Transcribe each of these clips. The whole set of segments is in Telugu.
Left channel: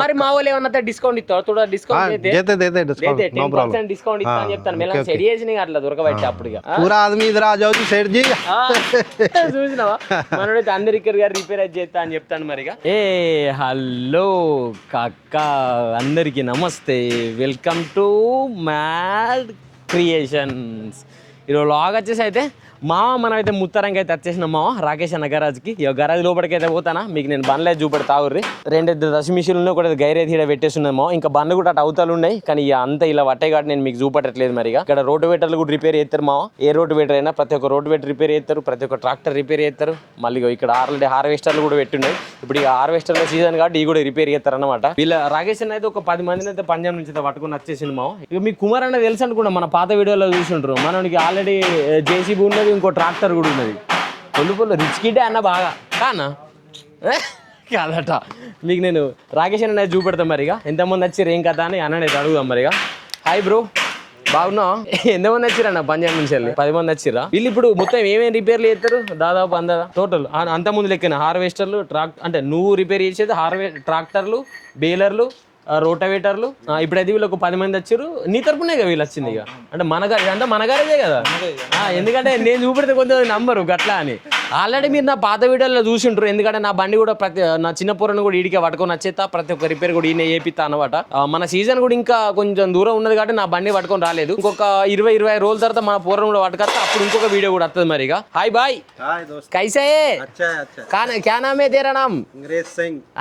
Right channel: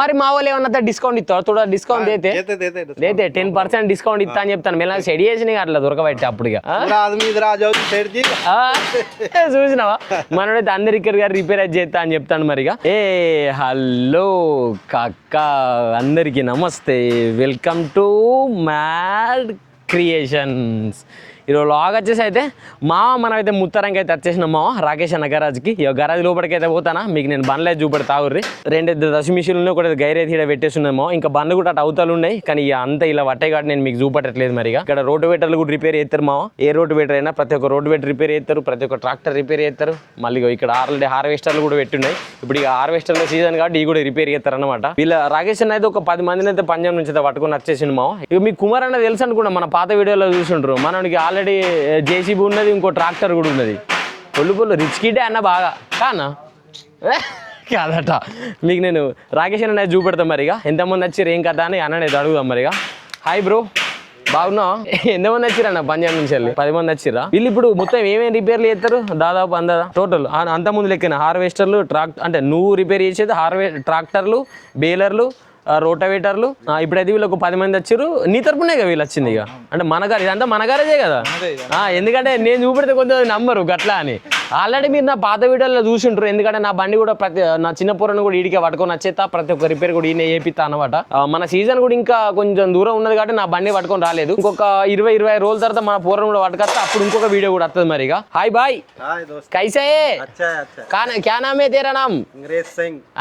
మరి మా వాళ్ళు ఏమన్నా డిస్కౌంట్ ఇస్తారు थोड़ा डिस्काउंट देते देते डिस्काउंट देते 10% डिस्काउंट ఇస్తా అని చెప్తాను మెల్ల సెట్ చేసి అట్లా దొరకబెట్టి అప్పుడుగా पूरा आदमी इधर आ जाओ तो सेठ जी చూసినావా మనోడైతే అందరికీ గారు రిపేర్ అయితే చేస్తా అని చెప్తాను మరిగా ఏ హలో కాక్క అందరికీ నమస్తే వెల్కమ్ టు మ్యాడ్ క్రియేషన్స్ ఈరోజు లాగ్ వచ్చేసి అయితే మనమైతే ముత్తరంకి అయితే వచ్చేసినాం రాకేష్ అన్న గరాజ్కి ఇక గరాజ్ లోపలికి అయితే పోతానా మీకు నేను బండ్లు అయితే చూపెడతా ఊర్రి రెండు దశ మిషన్లు ఉన్నాయి ఒకటి గైరైతే ఇక్కడ పెట్టేస్తున్నామో ఇంకా బండ్లు కూడా అటు అవతలు ఉన్నాయి కానీ ఇక అంత ఇలా పట్టే కాబట్టి నేను మీకు చూపెట్టట్లేదు మరి ఇక్కడ రోటివేటర్లు కూడా రిపేర్ చేస్తారు ఏ రోటివేటర్ అయినా ప్రతి ఒక్క రోటివేటర్ రిపేర్ చేస్తారు ప్రతి ఒక్క ట్రాక్టర్ రిపేర్ చేస్తారు మళ్ళీ ఇక్కడ హార్వెస్టర్లు కూడా పెట్టున్నాయి ఇప్పుడు ఇక హార్వెస్టర్ల సీజన్ కాబట్టి ఇవి కూడా రిపేర్ చేస్తారు అనమాట వీళ్ళ రాకేష్ అన్న అయితే ఒక 10 మందిని అయితే పంజాబ్ నుంచి అయితే పట్టుకుని వచ్చేసింది ఇక మీ కుమార్ అన్న తెలుసు అనుకున్నా మన పాత వీడియోలో చూసిండ్రు మనకి ఆల్రెడీ జేసీబీ ఉన్నది ఇంకో ట్రాక్టర్ కూడా ఉన్నది పొల్లు రిచ్ కిడ్డే అన్న బాగా కానా కాదట మీకు నేను రాకేష్ అన్న చూపెడతాం మరిగా ఎంతమంది వచ్చారు ఏం కదా అని అన్న అయితే అడుగుదాం మరిగా హాయ్ బ్రో బాగున్నా ఎంతమంది వచ్చిరన్న పంజాబ్ నుంచి 10 మంది వచ్చిరా వీళ్ళు ఇప్పుడు మొత్తం ఏమేమి రిపేర్లు చేస్తారు దాదాపు అందదా టోటల్ అంత ముందు లెక్కన హార్వెస్టర్లు అంటే నువ్వు రిపేర్ చేసేది ట్రాక్టర్లు బేలర్లు రోటవేటర్లు ఇప్పుడైతే వీళ్ళు ఒక 10 మంది వచ్చారు నీ తరపునే కదా వీళ్ళు వచ్చింది ఇక అంటే మనగారు ఇదంతా మనగారేదే కదా ఎందుకంటే నేను చూపెడితే కొంతమంది నమ్మరు గట్లా అని ఆల్రెడీ మీరు నా పాత వీడియోలో చూసింటారు ఎందుకంటే నా బండి కూడా నా చిన్న పూరను కూడా ఈడికే పట్టుకొని వచ్చేస్తా ప్రతి ఒక్క రిపేర్ కూడా ఈయన చేపిస్తా అనమాట మన సీజన్ కూడా ఇంకా కొంచెం దూరం ఉన్నది కాబట్టి నా బండి పట్టుకొని రాలేదు ఇంకొక 20-25 రోజుల తర్వాత మన పూరను కూడా పట్టుకొస్తా అప్పుడు ఇంకొక వీడియో కూడా వస్తుంది మరి ఇక హాయ్ బాయ్ కైసే క్యా నామే తేరా నామ్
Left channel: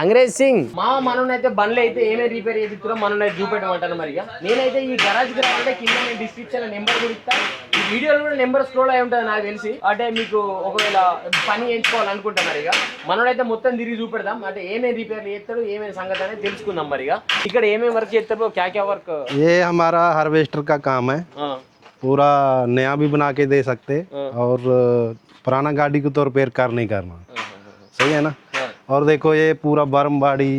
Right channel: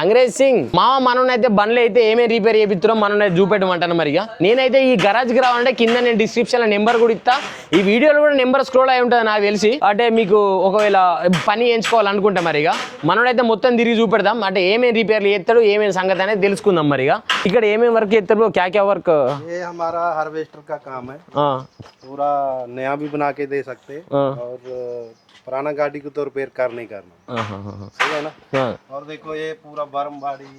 అంగ్రేజ్ సింగ్ మననైతే బండ్లు అయితే ఏమేమి రిపేర్ చేపిస్తున్నాం మనం చూపెట్టమంటాను మరిగా నేనైతే ఈ గరాజ్కి రావాలంటే కింద నేను డిస్క్రిప్షన్ లో నెంబర్ కూడా ఇస్తా ఈ వీడియోలో కూడా నెంబర్ స్క్రోల్ అయి ఉంటుంది నాకు తెలిసి అంటే మీకు ఒకవేళ పని ఎంచుకోవాలనుకుంటే మరిగా మనోడైతే మొత్తం తిరిగి చూపెడదాం అంటే ఏమేమి రిపేర్లు చేస్తాడు ఏమేమి సంగతి అనేది తెలుసుకుందాం మరిగా ఇక్కడ ఏమేమి వర్క్ చేస్తారు क्या वर्क ये हमारा हार्वेस्टर का काम है पूरा नया भी बना के दे सकते और पुराना गाड़ी को तो रिपेयर कर नहीं करना सही है ना और देखो ये पूरा बर्म बाड़ी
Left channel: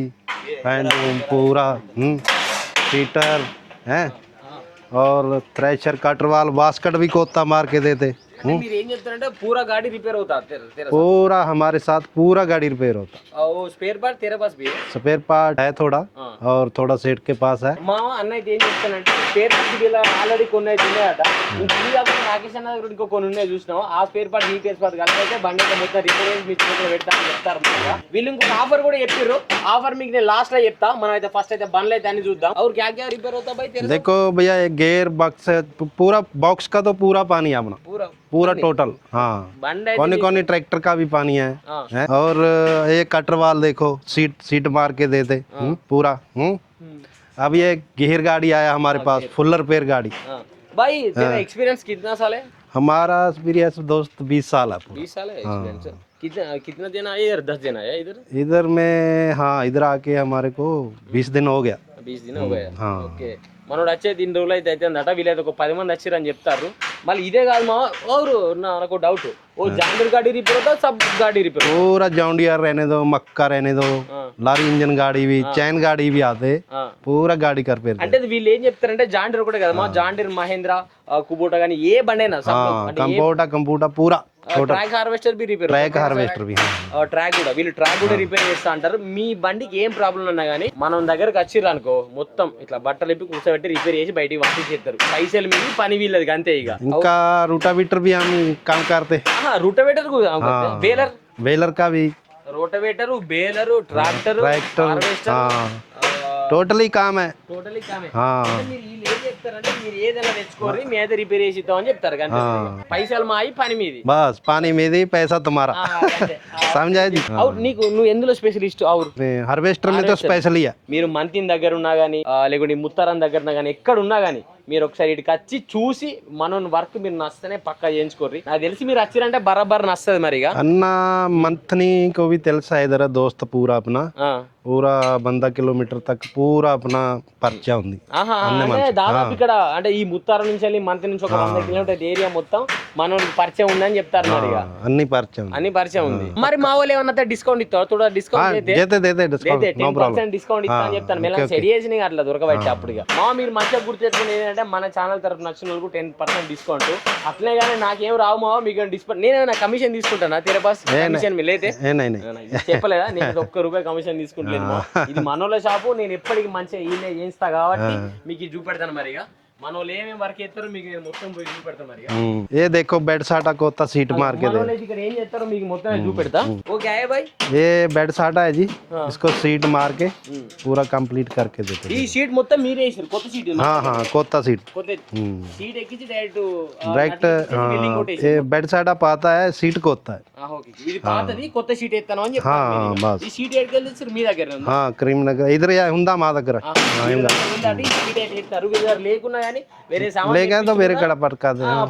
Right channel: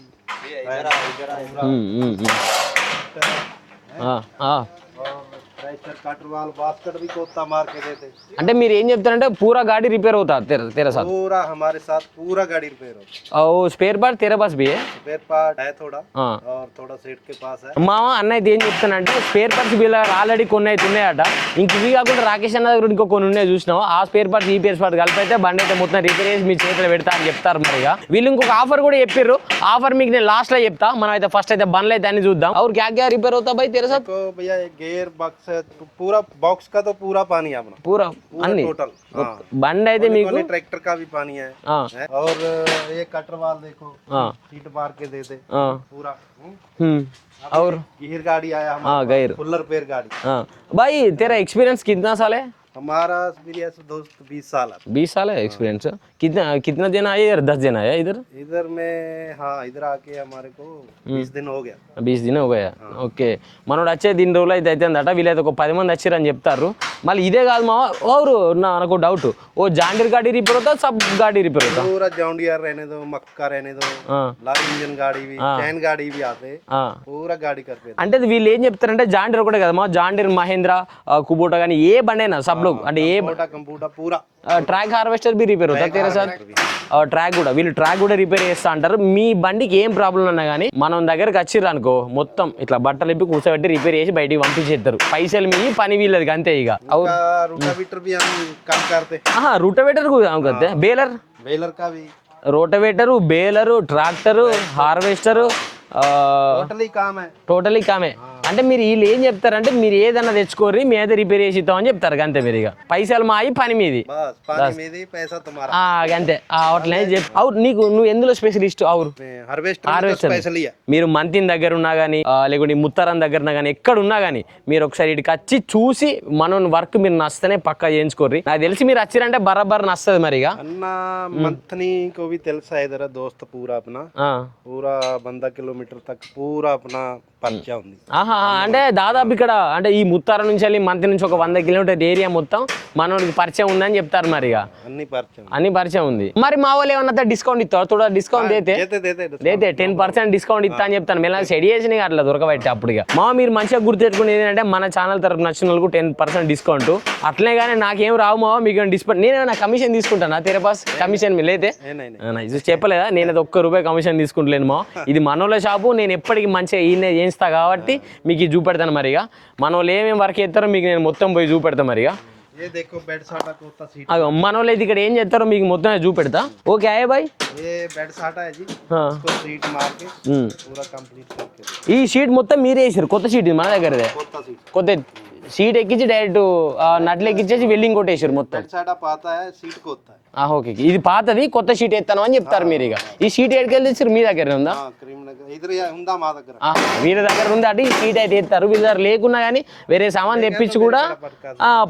पूरा हीटर है और थ्रेशर कटर वाल बास्केट भी कोता मार के देते అంటే మీరు ఏం చెప్తారంటే పూరా గాड़ी रिपेयर होता तेरा साथ पूरा हमारे साथ पूरा गाड़ी रिपेयर होता और स्पेयर पार्ट तेरे पास भी है स्पेयर पार्ट है थोड़ा और थोड़ा सेट के पास है మా అన్న అయితే ఏం చెప్తానంటే స్పేర్ పార్ట్స్ వీళ్ళ ఆల్రెడీ కొన్ని అయితే ఉన్నాయట ఇంక ఇవి కాకుండా రాకేష్ అన్న దగ్గర ఇంకో కొన్ని ఉన్నాయి చూసినావు ఆ స్పేర్ పార్ట్ ఈ స్పేర్ పార్ట్ కలిపి అయితే బండి అయితే మొత్తం రిపేర్ చేసి మీ చేతిలో పెడతా అని చెప్తారు మరిగా వీళ్ళు ఇంకొక ఆఫర్ కూడా చెప్పారు ఆఫర్ మీకు నేను లాస్ట్ లో చెప్తా మనం అయితే ఫస్ట్ అయితే బండ్లు అయితే అన్ని చూద్దాం और क्या क्या रिपेयर होता भाई तेरे साथ देखो भैया ये गेयर बॉक्स है पूरा बॉक्स का तो पूरा पानी है अपना पूरा टोटल हाँ बंड है कौन ट्रैक्टर का भी पानी है और ये कटर वाल देखो सीट मार के देते पूरा अब ये गियर गाड़ी आया हमारे पास फुल रिपेयर गाड़ी भाई तेरा एक्सपीरियंस कितना साल है हमारा एक्सपीरियंस दोस्त 20 साल है 20 साल है एक्सपीरियंस कितना दिन आया इधर 10 दिन आया इधर में हाँ इधर आके हमारे को 20 दिन हो गया 20 दिन हो गया ఓకే మనోడు వచ్చే దీని రోజులు అయితే అవుతుందట వీళ్ళైతే ఒక 10 మంది వచ్చారని చెప్తారు మళ్ళీ ఇదే కాదు మా ఓరు నాకు డౌట్ ఓ జాండీర్ गाड़ी रिपेयर होता सब गाड़ी रिपेयर होता पूरा जॉन्डियर रहने दो मक्का रहने दो लारी इंजन गाड़ी भी चैन गाड़ी भी आते पूरा गाड़ी कर पे అంటే వీళ్ళు ఏం చెప్తారంటే జాండీర్ ఒకటే కదా మా జాండీర్ మహేంద్ర కుబోటా కానీ ఏ బండైనా సబ్ లోగ్ అంటే ఏ కంప్యూటర్ పూరా ట్రాక్ హార్వెస్టర్ బి రిపేర్ ట్రాక్ కూడా వీళ్ళు ట్రాక్ కూడా రిపేర్ చేస్తా అంటారు మీ బండికి ఏం ప్రాబ్లం ఉన్నా కానీ మనం దగ్గరకు వచ్చిర్రు అనుకో మొత్తం ఇట్లా బట్టలు ఇప్పి కూర్చోబెట్టి రిపేర్ చేసి బయటికి పంపించేస్తారు పైసలు మీ పని వీళ్ళది అంతే ఇక रोटावेटर भी हम काम करते रोटावेटर बेलर का भी rotavator baler tractor harvester totally కామే అంటే మీరు వీళ్ళు ఏం చెప్తారంటే మీరు ఏదన్నా తెచ్చుకోర్రి మీద రిపేర్ చేసి ఇద్దాం అని చెప్తారు అంతే మీరు ఇక పైసలు మాయి పని మీది బస్ పని మీది పైసా తుమారా అంతే నీకు నువ్వు ఎందులో స్పెషలిస్ట్ హార్వెస్టర్ మీద స్పెషల్ మీరు మంతిన్ దగ్గర ఉన్నా గానీ లేకుంటే ముత్తరం దగ్గర ఉన్నా గానీ ఎక్కడ ఉన్నా గానీ మీరు ఒకసారి ఇక్కడికి వచ్చి చూసి మనం వర్క్ మీరు నచ్చితేనే పక్కా చేయించుకోర్రి నాకు తెలిసి మీరు వచ్చిరంటే బరాబర్ నచ్చదు మరి అన్న మంత్ని को भी తెలుసా इधर दोस्त पूरा अपना पूरा 100 किलोमीटर तक पूरा अपना పరిచయం ఉంది అంటే దాదాపు ఇక్కడ అంటే ఈ ముత్తార నుంచి వెళ్ళి మంత్రి నుంచి ఒక 100 కిలోమీటర్ ఏరియా మొత్తం మనకి పరిచయం ఉందని చెప్తారు మరి అన్ని పరిచయం ఉంది మరి మా వాళ్ళు ఏమన్నా డిస్కౌంట్ ఇస్తారు थोड़ा డిస్కౌంట్ అయితే 10% డిస్కౌంట్ ఇస్తా అని చెప్తాను మెల్ల సెట్ చేసి అట్లా దొరకబట్టి అప్పుడు మా మీరు మంచిగా గుర్తుపెట్టుకుని ఏంటంటే మన ఛానల్ తరపు నచ్చిన వాళ్ళకు 10% డిస్కౌంట్ అట్లే కానీ నాకేం రావు మా మీకు డిస్కౌంట్ నేను కమిషన్ తీసుకుంటానా తెరే పాస్ కమిషన్ లేతే ఇది చెప్పలేదా నేను అది ₹1 కమిషన్ తీసుకుంటలేదు మా. ఇది మనోళ్ళ షాపు, నేను ఎప్పటికీ మంచిగా ఈయన చేయిస్తా కాబట్టి మీకు ఇది చూపెడతాను మరిగా. మనోళ్ళు ఏమేమి వర్క్ చేస్తారో మీకు నేను మొత్తం పోయి చూపెడతా మరిగా. ये देखो बेड साटा कोता सीट మనోళ్ళు అయితే ఇక్కడ ఏం చేస్తారో మీకు మొత్తం చూపెడతా. ఓకే ఆయ్ బాయ్. ये बेड साटा है जी, इसको सीट मार के पूरा कंप्लीट करके देते ఈ షీట్ మొత్తం మీరే వేసారు, కొత్త షీట్ మన దగ్గర कोता सीट। కొత్త షీట్ ఎక్కించి డైరెక్ట్ నట్లు ఎక్కించేసి వెల్డింగ్ కొట్టేసారు. बेड साटा पाता है, सीट कोता है। ఓకే ఇది పాతది, కొత్త షీట్ ఎత్తాను అని చెప్తారు మీరు. ఇక ఈ షీట్ ఎక్కడికి వెళ్ళి మీ దగ్గర ఉందా? క్రీమ్ నగర్ ఇద్దరు ఉందా మా దగ్గర, వీళ్ళ దగ్గర ఉంది అంటే ఈ షీట్ అయితే ఎత్తారు. వీళ్ళ దగ్గర లేకున్నా కానీ వేరే సామాన్ తెప్పించి కూడా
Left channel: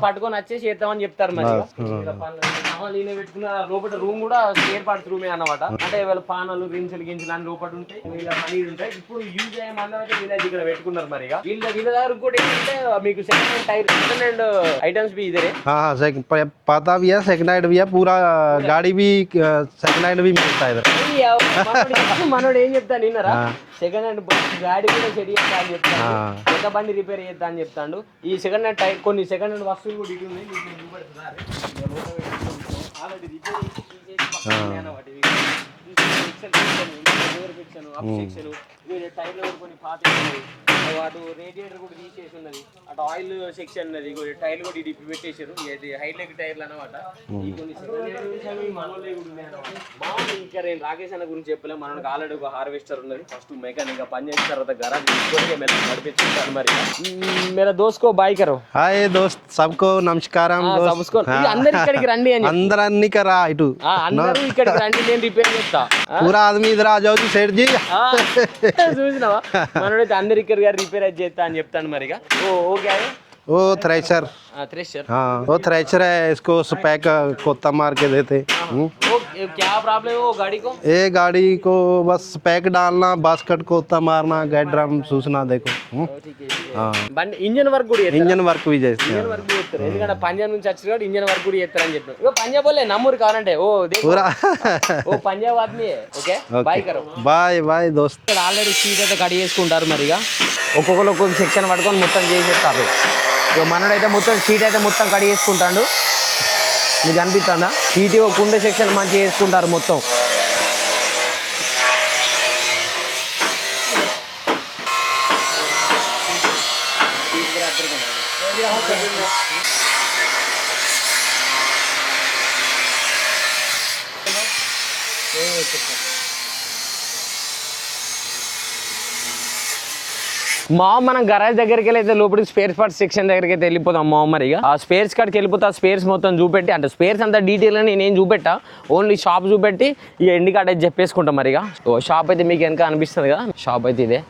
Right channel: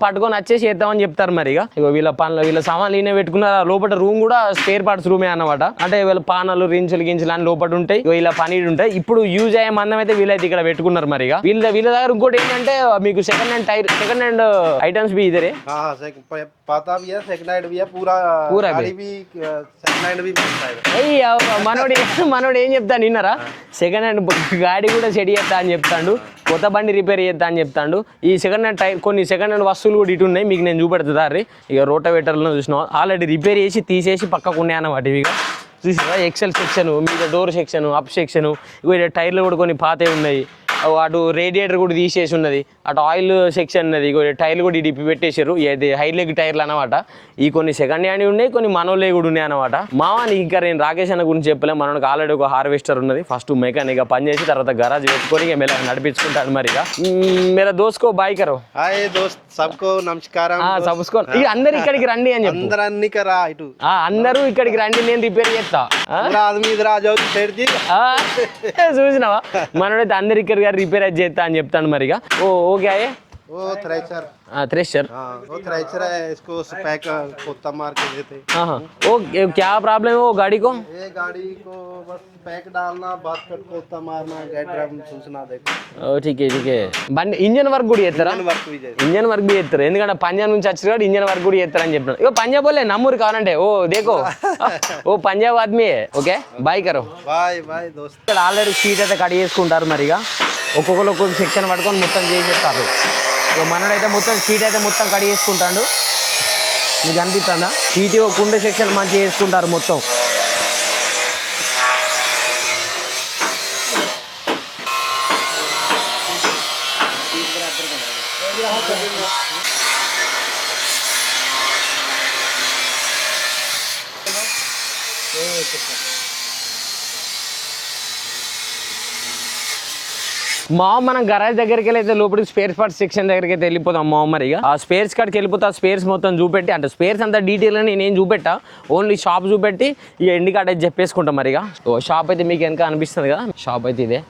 పట్టుకొని వచ్చేసి చేద్దామని చెప్తారు మరి. ఇక వీళ్ళ సామాన్లు ఈయన పెట్టుకున్నారు. లోపల రూమ్ కూడా స్పేర్ పార్ట్స్ రూమే అన్నమాట. అంటే వీళ్ళ పానాలు రించులు గించులు అని లోపల ఉంటాయి, ఇలా పనీడు ఉంటాయి. ఇప్పుడు యూజ్ అయ్యే మందం అయితే వీళ్ళైతే ఇక్కడ పెట్టుకున్నారు మరి. వీళ్ళ దగ్గర ఇంకోటి ఏంటంటే మీకు సెకండ్ హ్యాండ్ ఐటమ్స్ भी इधर है। हाँ पता भी है, सेकंड हैंड भी है, पूरा गाड़ी भी सेकंड हैंड भी मिलता है इधर। మనోడు ఏం చెప్తాను విన్నారా, సెకండ్ హ్యాండ్ గాడి కూడా సెట్ చేస్తా అని చెప్తాడు, కొత్త బండి రిపేర్ చేస్తా అని చెప్తాడు. ఈ సెకండ్ హ్యాండ్ కొన్ని సెకండ్ హ్యాండ్ వస్తువులు కూడా ఇటు ఉన్నాయి, మీకు నేను చూపెడతా. ఇక రోటావేటర్లో చూసిన ఆల్రెడీ రిపేర్ చేసి తీసేసి పక్కకు ఉన్నాయి అన్నమాట. ఇవి చూసినా ఎక్సెల్ సెక్షన్, మీద డోర్ సెక్షన్, అప్ సెక్షన్, ఇక టైర్లు కూడా కొన్ని పాతవి ఉన్నాయి. అటు రేడియేటర్ కూడా తీసేసి ఉన్నది, అటు ఆయిల్ సెక్షన్ ఉన్నది, టైర్లు కూడా ఇడిపి పెట్టేశారు. ఇది హై లెగ్ టైర్లు అనమాట. ఈ కొన్ని సెకండ్ హ్యాండ్ ఉన్నాయి, కొన్ని మనోలే కూడా ఉన్నాయి అనమాట. మావాని ఇంకా నేను రాకేష్ అన్న గురించి చెప్పలే, మనకు ఆల్రెడీ ఒక హార్వెస్టర్ ఉన్నది. ఫస్ట్ మెకానిక్ పని చేసి తర్వాత గరాజ్ పెట్టుకొని మెల్ల నడిపించుకుంటాడు మరి. మేరా దోస్కో బాయ్ కరో. హాయ్ దోస్త్ సబ్కో నమస్కారం. అందరు ఇక్కడికి రండి అని అందరూ రా ఇటు, అందరూ ఇక్కడికి రండి, నేను రిపేర్ చేస్తా. పూరా ఆదమీ ఇధర్ ఆ జాओ सेठ जी। చూసినావా మనోడైతే అందరు ఇక్కడ రిపేర్ చేస్తా అని చెప్తాను మరిగా. ఓకే वो थ्रेशर, थ्रेशर हाँ वो थ्रेशर है, इसको स्पैक कोता मार के देते। वो क्या प्रॉब्लम है वो गाड़ी को? ये गाड़ी को बस स्पैक डालना, बास्केट कोता मारना, गैस ड्रम सूचना देखो। ठीक है బండి ఇంజన్ వర్క్ కూడా చేస్తారు, ఇంజన్ వర్క్ भी చేస్తారు, ఇంజన్ వర్క్ కూడా చేస్తారు. ఎందుకంటే పంజాబ్ నుంచి వచ్చారు కాబట్టి ఇంజన్ వర్క్ కూడా చేస్తారు అని చెప్పినారు. ఇగో పంజాబ్ వాళ్ళే నమ్మూరు కావాలంటే. ఓ దేఖో ఓ పంజాబ్ ఆద్మీ ఓకే బాయ్ కరో. బాయ్ బాయ్ దోస్త్. ఇక్కడ ఆల్రెడీ షీట్ అయితే కట్ చేసుకుంటారు మరిగా. ఒక్కొక్కరు ఒక్కొక్క సెక్షన్ పట్టుకొని మొత్తం చేసేస్తారు. ఇక మనోడైతే మొత్తం షీట్ అయితే మొత్తం కట్ చేసుకుంటాడు. మీకు అనిపిస్తుందా? షీట్ కుండ సెక్షన్ మంచిగా చేసుకుంటారు మొత్తం. మనం గరాజ్ దగ్గరికి వెళ్ళి అయితే లోపలికి స్పేర్ పార్ట్స్ సెక్షన్ దగ్గరికి అయితే వెళ్ళిపోతాం మరి. ఆ స్పేర్స్ కాడికి వెళ్ళిపోతే ఆ స్పేర్స్ మొత్తం చూపెట్టి, అంటే స్పేర్స్ అంతా డీటెయిల్ అని నేను చూపెట్టా, ఓన్లీ షాప్ చూపెట్టి ఇక ఎండి కార్డ్ అయితే చెప్పేసుకుంటాం మరి. షాప్ అయితే మీకు వెనక అనిపిస్తుంది కదా, షాప్ అయితే ఇదే.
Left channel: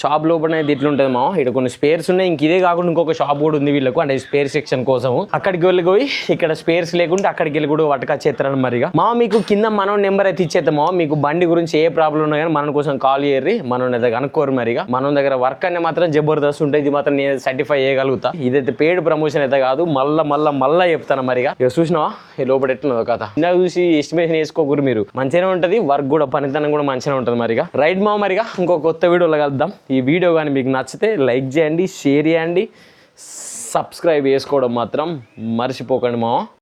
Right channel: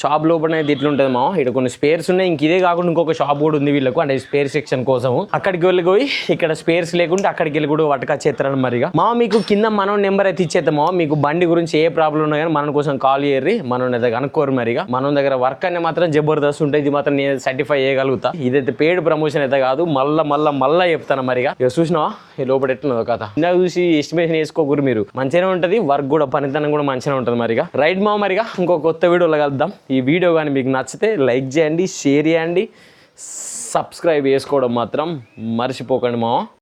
షాప్ లోపల అయితే ఇట్లుంటుంది మా. ఇక్కడ కొన్ని స్పేర్స్ ఉన్నాయి, ఇంక ఇదే కాకుండా ఇంకొక షాప్ కూడా ఉంది వీళ్ళకు, అంటే స్పేర్ సెక్షన్ కోసం. అక్కడికి వెళ్ళిపోయి ఇక్కడ స్పేర్స్ లేకుంటే అక్కడికి వెళ్ళి కూడా పట్టుకొచ్చేస్తారని మరిగా. మీకు కింద మనం నెంబర్ అయితే ఇచ్చేద్దామా. మీకు బండి గురించి ఏ ప్రాబ్లం ఉన్నా కానీ మన కోసం కాల్ చేయర్రి, మనం అయితే కనుక్కోరు మరిగా. మన దగ్గర వర్క్ అనేది మాత్రం జబర్దస్త్ ఉంటుంది, ఇది మాత్రం నేను సర్టిఫై చేయగలుగుతా. ఇదైతే పెయిడ్ ప్రమోషన్ అయితే కాదు, మళ్ళా చెప్తాను మరిగా. ఇక చూసినావా ఈ లోపల ఎట్లున్నదో కథ. ఇందాక చూసి ఎస్టిమేషన్ వేసుకోకూరు మీరు, మంచిగానే ఉంటుంది వర్క్ కూడా, పనితనం కూడా మంచిగానే ఉంటుంది మరిగా. రైట్ మరిగా ఇంకో కొత్త వీడియోలో కలుద్దాం. ఈ వీడియో కానీ మీకు నచ్చితే లైక్ చేయండి, షేర్ చేయండి, సబ్స్క్రైబ్ చేసుకోవడం మాత్రం మర్చిపోకండి